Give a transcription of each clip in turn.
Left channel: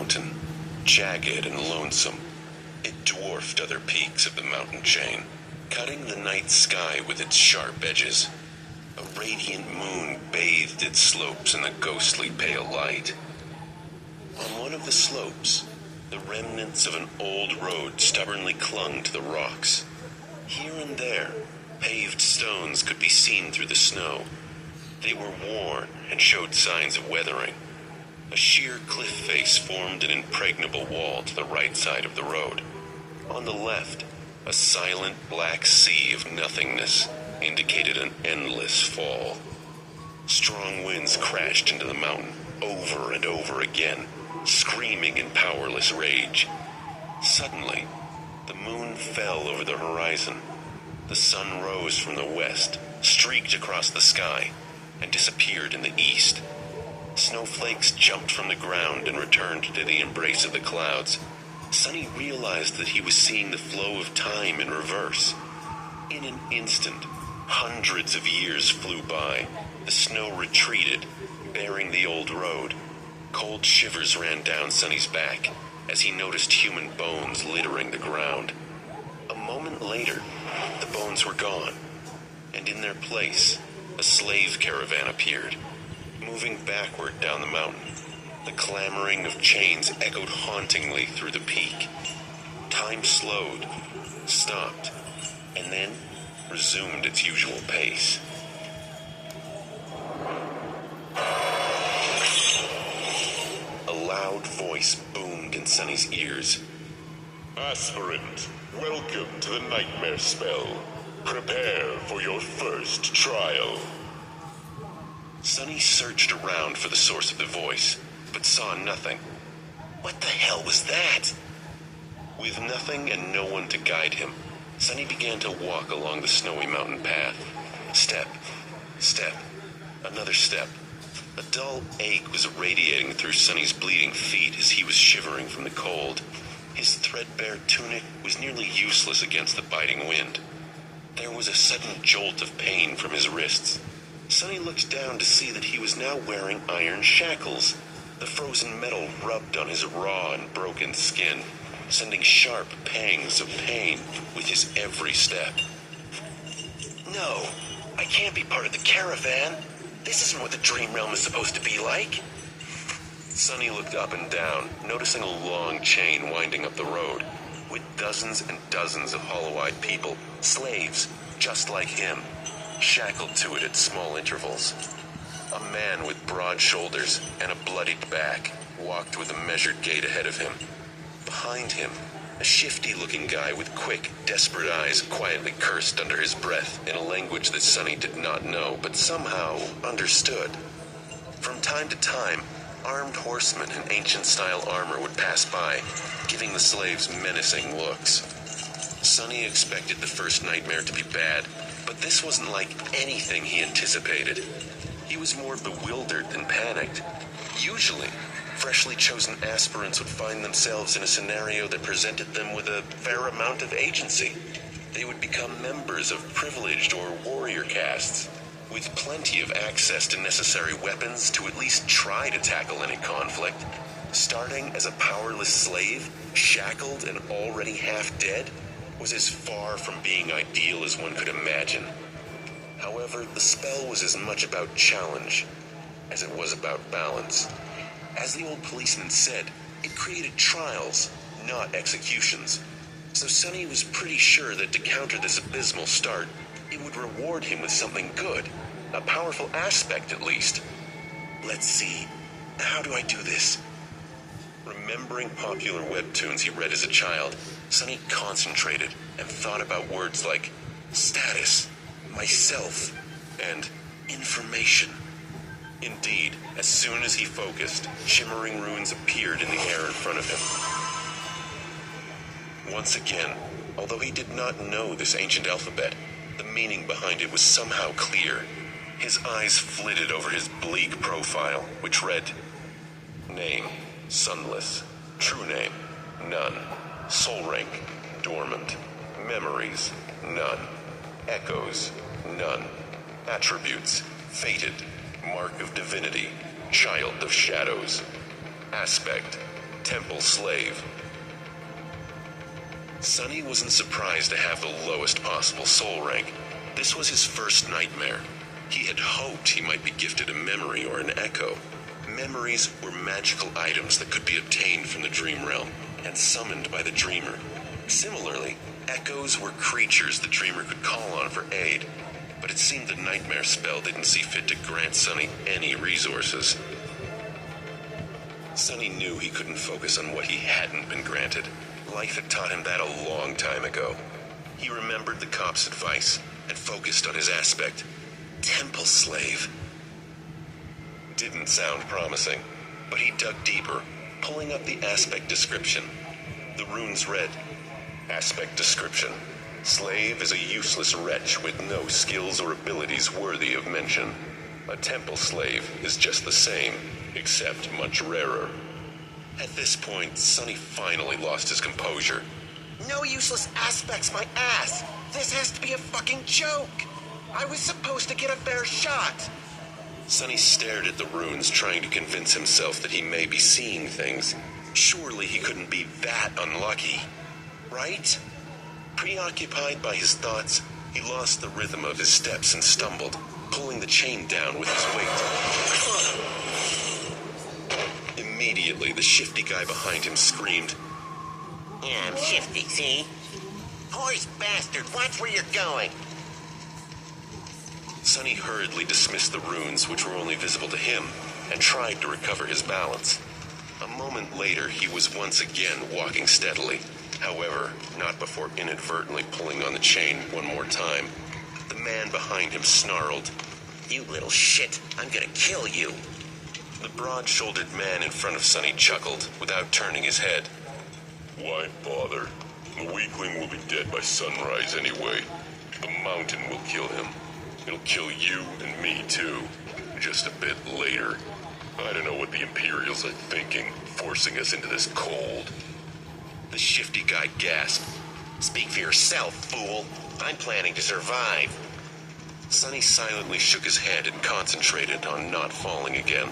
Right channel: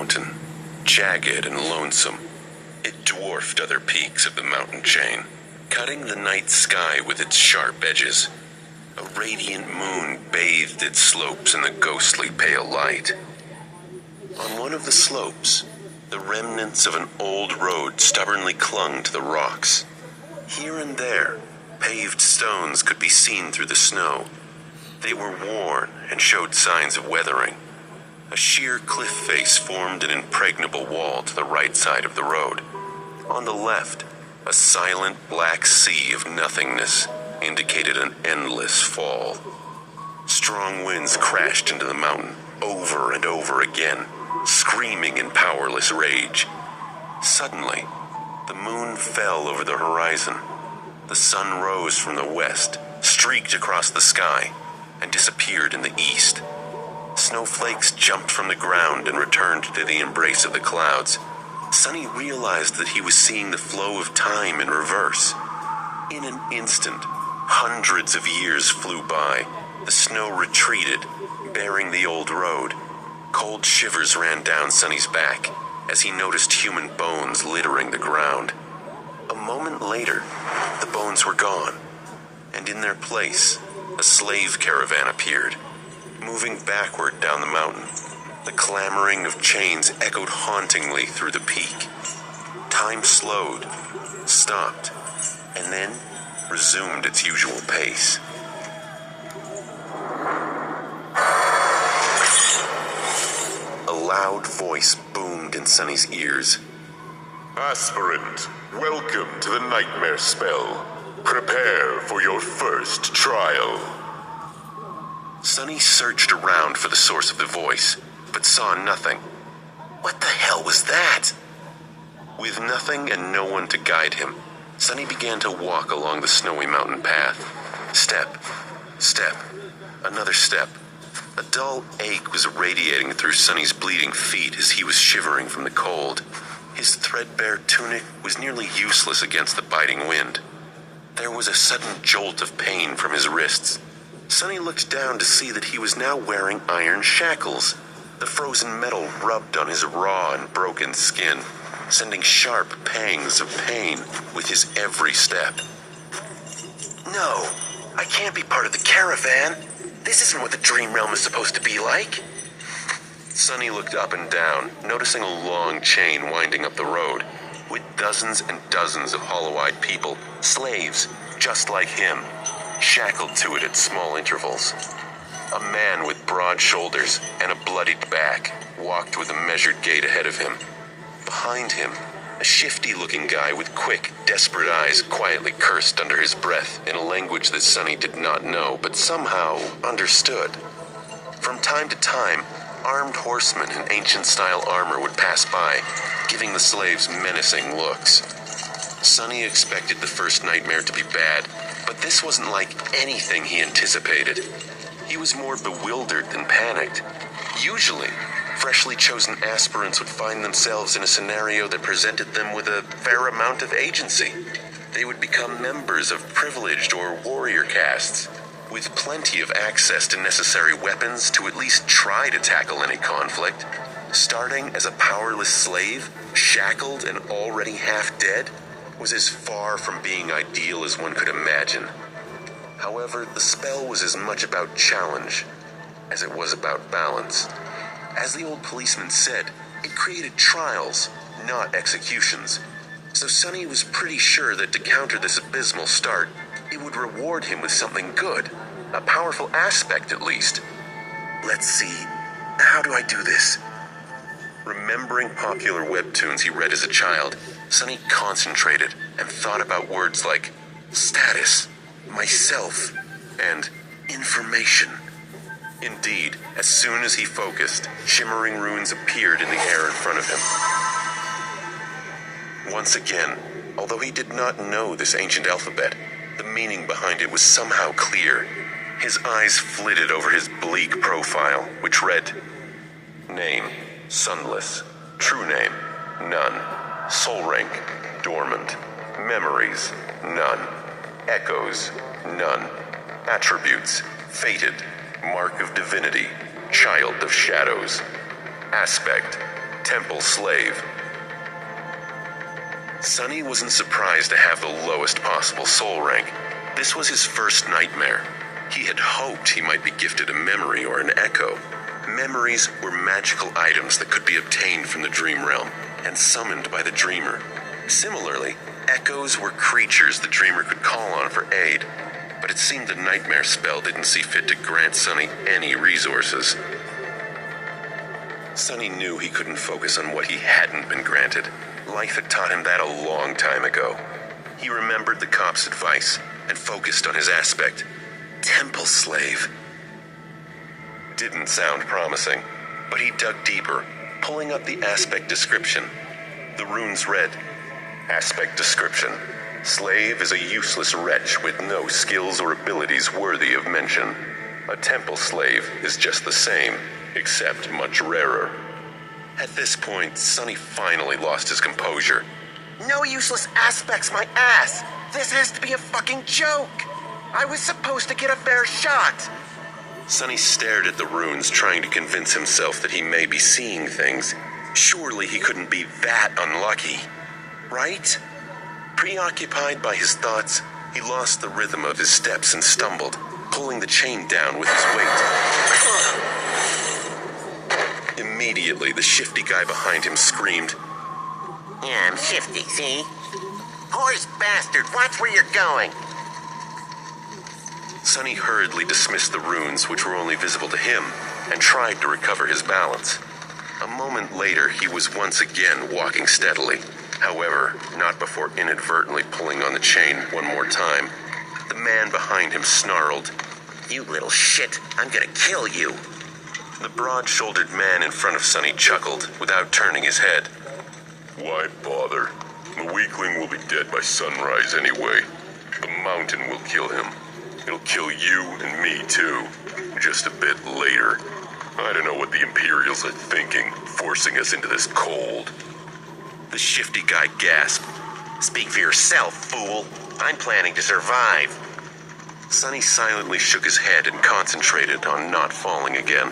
mountain, jagged and lonesome. It dwarfed other peaks of the mountain chain, cutting the night sky with its sharp edges. A radiant moon bathed its slopes in the ghostly pale light. On one of the slopes, the remnants of an old road stubbornly clung to the rocks. Here and there, paved stones could be seen through the snow. They were worn and showed signs of weathering. A sheer cliff face formed an impregnable wall to the right side of the road. On the left, a silent black sea of nothingness indicated an endless fall. Strong winds crashed into the mountain over and over again, screaming in powerless rage. Suddenly, the moon fell over the horizon. The sun rose from the west, streaked across the sky, and disappeared in the east. Snowflakes jumped from the ground and returned to the embrace of the clouds. Sonny realized that he was seeing the flow of time in reverse. In an instant, hundreds of years flew by. The snow retreated, bearing the old road. Cold shivers ran down Sonny's back as he noticed human bones littering the ground. A moment later, the bones were gone, and in their place, a slave caravan appeared, moving backward down the mountain. The clamoring of chains echoed hauntingly through the peak. Time slowed, stopped, and then resumed its usual pace. A loud voice boomed in Sonny's ears. Aspirant, welcome to the nightmare spell. Prepare for your first trial. Sonny searched around for the source of the voice, but saw nothing. What the hell was that? With nothing and no one to guide him, Sonny began to walk along the snowy mountain path. Step, step, another step. A dull ache was radiating through Sonny's bleeding feet as he was shivering from the cold. His threadbare tunic was nearly useless against the biting wind. There was a sudden jolt of pain from his wrists. Sonny looked down to see that he was now wearing iron shackles. The frozen metal rubbed on his raw and broken skin, sending sharp pangs of pain with his every step. No, I can't be part of the caravan. This isn't what the dream realm is supposed to be like. Sonny looked up and down, noticing a long chain winding up the road, with dozens and dozens of hollow-eyed people, slaves, just like him, shackled to it at small intervals. A man with broad shoulders and a bloodied back walked with a measured gait ahead of him. Behind him, a shifty-looking guy with quick, desperate eyes quietly cursed under his breath in a language that Sonny did not know, but somehow understood. From time to time, armed horsemen in ancient-style armor would pass by, giving the slaves menacing looks. Sonny expected the first nightmare to be bad, but this wasn't like anything he anticipated. He was more bewildered than panicked. Usually, freshly chosen aspirants would find themselves in a scenario that presented them with a fair amount of agency. They would become members of privileged or warrior castes, with plenty of access to necessary weapons to at least try to tackle any conflict. Starting as a powerless slave, shackled and already half dead, was as far from being ideal as one could imagine. However, the spell was as much about challenge as it was about balance. As the old policeman said, it created trials, not executions. So Sonny was pretty sure that to counter this abysmal start, it would reward him with something good, a powerful aspect at least. Let's see, how do I do this? Remembering popular webtoons he read as a child, Sonny concentrated and thought about words like status, myself, and information. Indeed, as soon as he focused, shimmering runes appeared in the air in front of him. Once again, although he did not know this ancient alphabet, the meaning behind it was somehow clear. His eyes flitted over his bleak profile, which read, Name, sunless. True name, none. Soul rank, dormant. Memories, none. Echoes, none. Attributes, fated. Mark of divinity, child of shadows. Aspect, Temple Slave. Sonny wasn't surprised to have the lowest possible soul rank. This was his first nightmare. He had hoped he might be gifted a memory or an echo. Memories were magical items that could be obtained from the dream realm and summoned by the dreamer. Similarly, echoes were creatures the dreamer could call on for aid, but it seemed the nightmare spell didn't see fit to grant Sonny any resources. Sonny knew he couldn't focus on what he hadn't been granted. Life had taught him that a long time ago. He remembered the cop's advice and focused on his aspect. Temple Slave. Didn't sound promising, but he dug deeper, pulling up the aspect description. The runes read, Aspect description. Slave is a useless wretch with no skills or abilities worthy of mention. A temple slave is just the same, except much rarer. At this point, Sonny finally lost his composure. No useless aspects, my ass! This has to be a fucking joke! I was supposed to get a fair shot! Sonny stared at the runes, trying to convince himself that he may be seeing things. Surely he couldn't be that unlucky. Right? Preoccupied by his thoughts, he lost the rhythm of his steps and stumbled, pulling the chain down with his weight. Immediately, the shifty guy behind him screamed, Yeah, I'm shifty, see? Horse bastard, watch where you're going! Sonny hurriedly dismissed the runes, which were only visible to him, and tried to recover his balance. A moment later, he was once again walking steadily. However, not before inadvertently pulling on the chain one more time. The man behind him snarled, You little shit, I'm gonna kill you. The broad-shouldered man in front of Sonny chuckled, without turning his head. Why bother? The weakling will be dead by sunrise anyway. The mountain will kill him. It'll kill you and me too, just a bit later. I don't know what the Imperials are thinking, forcing us into this cold. The shifty guy gasped. Speak for yourself, fool. I'm planning to survive. Sonny silently shook his head and concentrated on not falling again.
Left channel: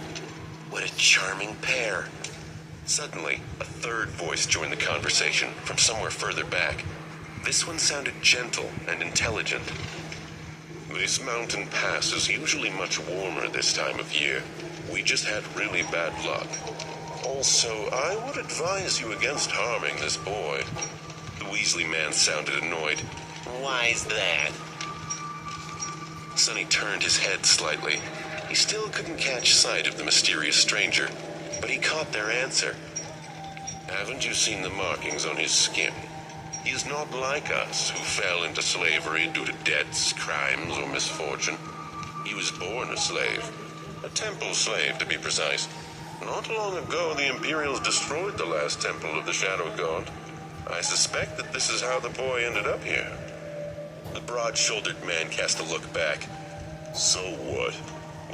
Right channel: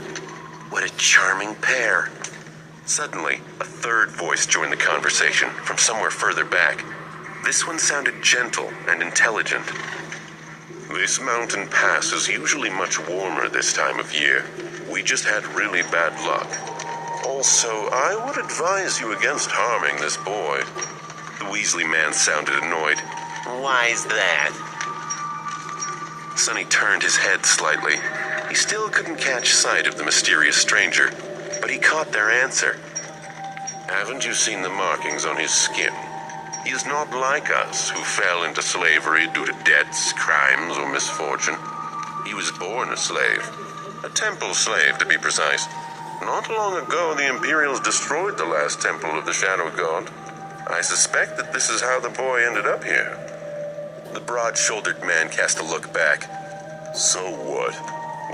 What a charming pair. Suddenly, a third voice joined the conversation from somewhere further back. This one sounded gentle and intelligent. This mountain pass is usually much warmer this time of year. We just had really bad luck. Also, I would advise you against harming this boy. The Weasley man sounded annoyed. Why's that? Sonny turned his head slightly. He still couldn't catch sight of the mysterious stranger, but he caught their answer. Haven't you seen the markings on his skin? He is not like us, who fell into slavery due to debts, crimes, or misfortune. He was born a slave. A temple slave, to be precise. Not long ago, the Imperials destroyed the last temple of the Shadow God. I suspect that this is how the boy ended up here. The broad-shouldered man cast a look back. So what?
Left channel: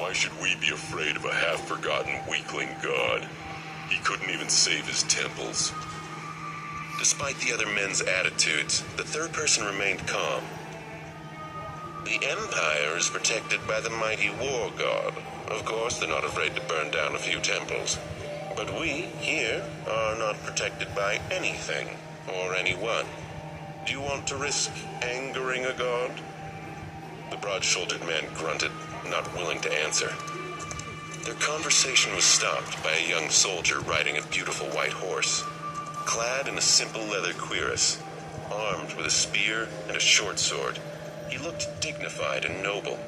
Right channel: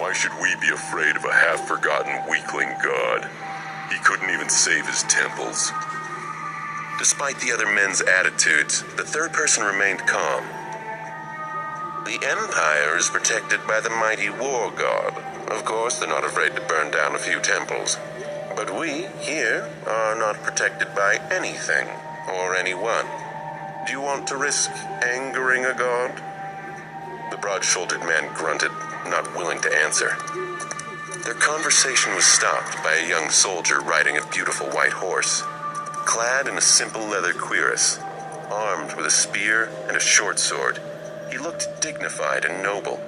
Why should we be afraid of a half-forgotten weakling god? He couldn't even save his temples. Despite the other men's attitudes, the third person remained calm. The Empire is protected by the mighty war god. Of course, they're not afraid to burn down a few temples. But we, here, are not protected by anything or anyone. Do you want to risk angering a god? The broad-shouldered man grunted, not willing to answer. Their conversation was stopped by a young soldier riding a beautiful white horse. Clad in a simple leather cuirass, armed with a spear and a short sword, he looked dignified and noble.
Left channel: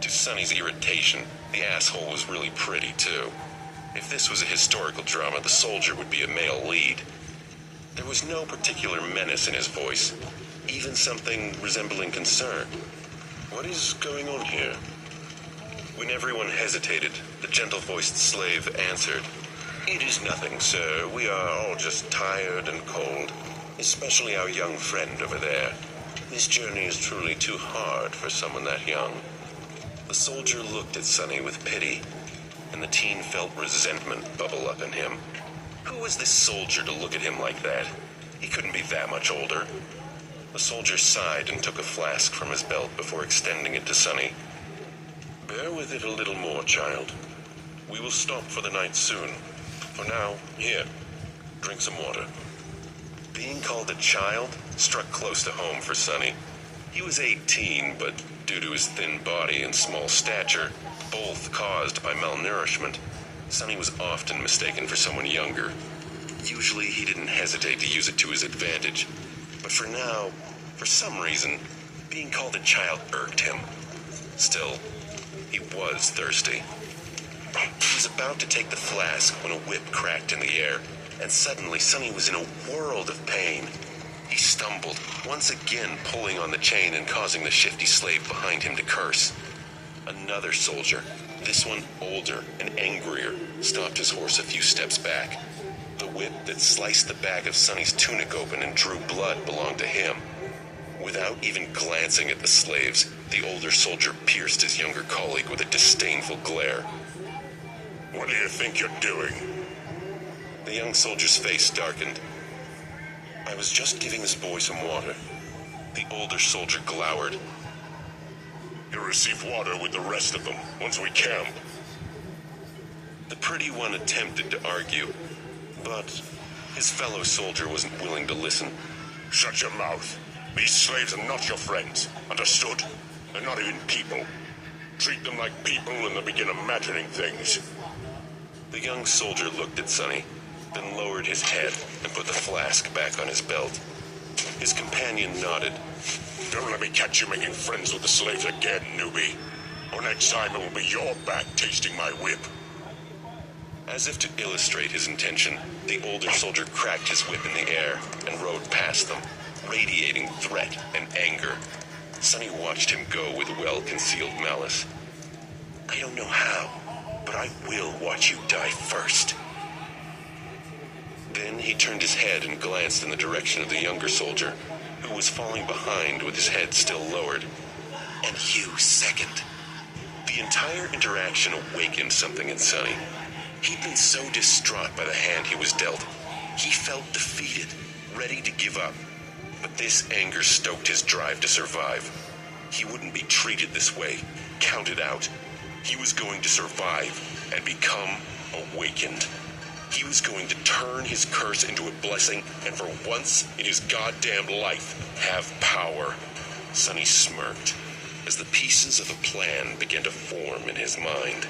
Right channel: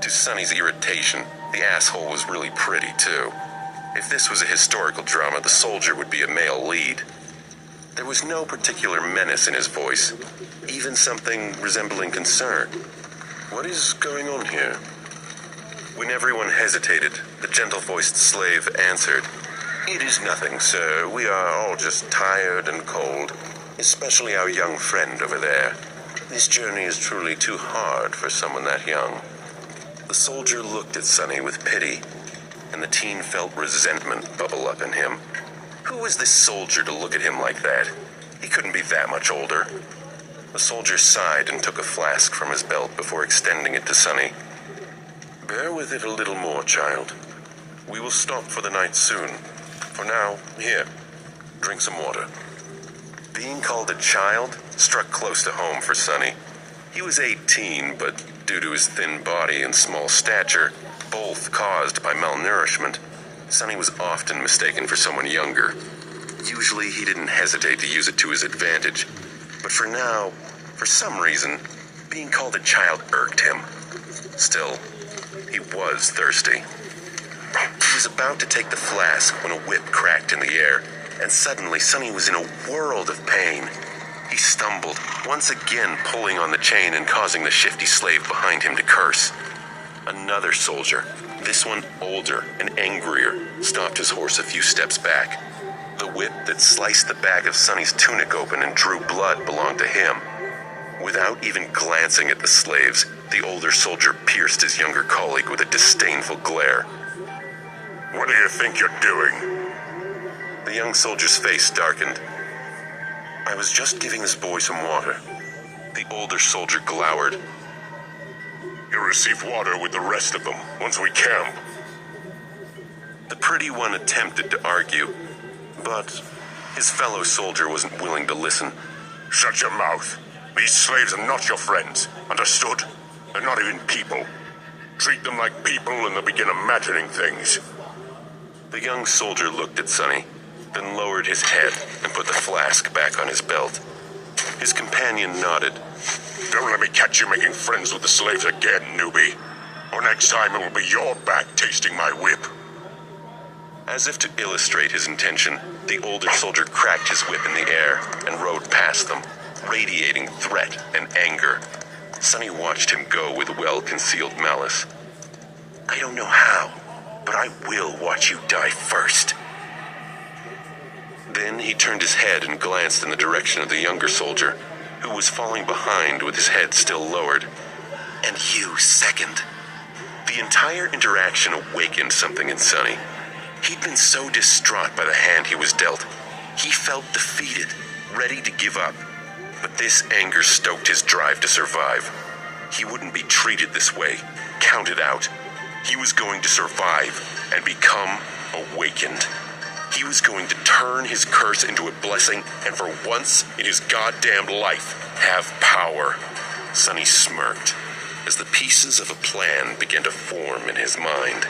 To Sonny's irritation, the asshole was really pretty, too. If this was a historical drama, the soldier would be a male lead. There was no particular menace in his voice, even something resembling concern. What is going on here? When everyone hesitated, the gentle-voiced slave answered, It is nothing, sir. We are all just tired and cold, especially our young friend over there. This journey is truly too hard for someone that young. The soldier looked at Sonny with pity, and the teen felt resentment bubble up in him. Who was this soldier to look at him like that? He couldn't be that much older. The soldier sighed and took a flask from his belt before extending it to Sonny. Bear with it a little more, child. We will stop for the night soon. For now, here, Drink some water. Being called a child struck close to home for Sonny. He was 18, but due to his thin body and small stature, both caused by malnourishment, Sonny was often mistaken for someone younger. Usually he didn't hesitate to use it to his advantage, but for now, for some reason, being called a child irked him. Still, he was thirsty. He was about to take the flask when a whip cracked in the air, and suddenly Sonny was in a world of pain. He stumbled, once again pulling on the chain and causing the shifty slave behind him to curse. Another soldier, this one older and angrier, stopped his horse a few steps back. The whip that sliced the back of Sonny's tunic open and drew blood belonged to him. Without even glancing at the slaves, the older soldier pierced his younger colleague with a disdainful glare. What do you think you're doing? The young soldier's face darkened. I was just giving this boy some water. The older soldier glowered. You'll receive water with the rest of them once we camp. The pretty one attempted to argue, but his fellow soldier wasn't willing to listen. Shut your mouth. These slaves are not your friends. Understood? They're not even people. Treat them like people and they'll begin imagining things. The young soldier looked at Sonny, then lowered his head and put the flask back on his belt. His companion nodded. Don't let me catch you making friends with the slaves again, newbie. Or next time it will be your back tasting my whip. As if to illustrate his intention, the older soldier cracked his whip in the air and rode past them, radiating threat and anger. Sonny watched him go with well-concealed malice. I don't know how, but I will watch you die first. Then he turned his head and glanced in the direction of the younger soldier, who was falling behind with his head still lowered. And you second. The entire interaction awakened something in Sonny. He'd been so distraught by the hand he was dealt. He felt defeated, ready to give up. But this anger stoked his drive to survive. He wouldn't be treated this way, counted out. He was going to survive and become awakened. He was going to turn his curse into a blessing and for once in his goddamn life, have power. Sonny smirked as the pieces of a plan began to form in his mind.